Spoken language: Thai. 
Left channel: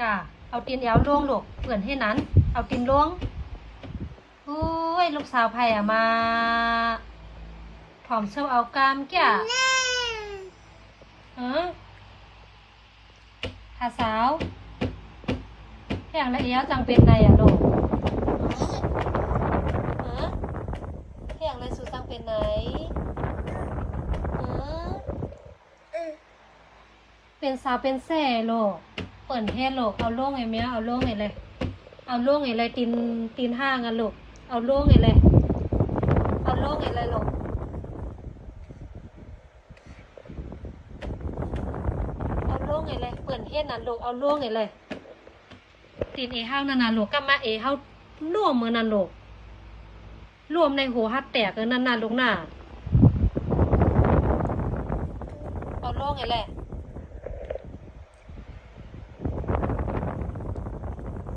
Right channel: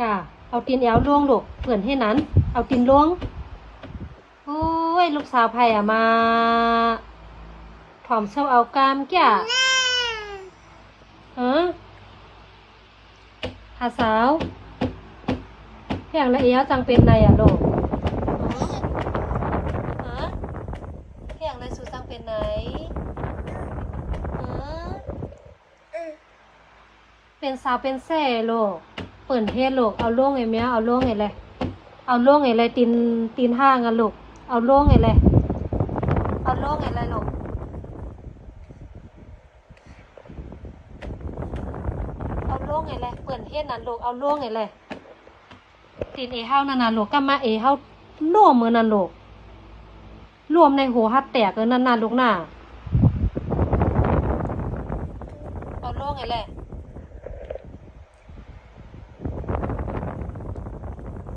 กะเอาตีนแอวล่วงลูกเผื่อนให้นั้นเอาตีนล่วงโอ้ยลูกสาวไผ่อะมาผอมเซาเอากามแก่ฮะหาสาวแข่งละเอียดจังเป็นไรอะลูกฮะแข่งละสูจังเป็นไหนฮะเป็นสาวเป็นแส่ลูกเปิ่นเทศลูกเอาล่วงไอ้เมียเอาล่วงไอ้เลยเอาล่วงไอ้เลยตีนห้างกันลูกเอาล่วงไอ้เลยเอาล่วงไอ้เลยลูกเอาล่วงไอ้เลยเปิ่นเทศนั่นลูกเอาล่วงไอ้เลยตีนเอเฮานั่นน่ะลูกก็มาเอเฮาร่วมมือนั่นลูกรวมในหัวฮัดแตกเลยนั่นน่ะลูกน่ะเอาล่วงไอ้เลย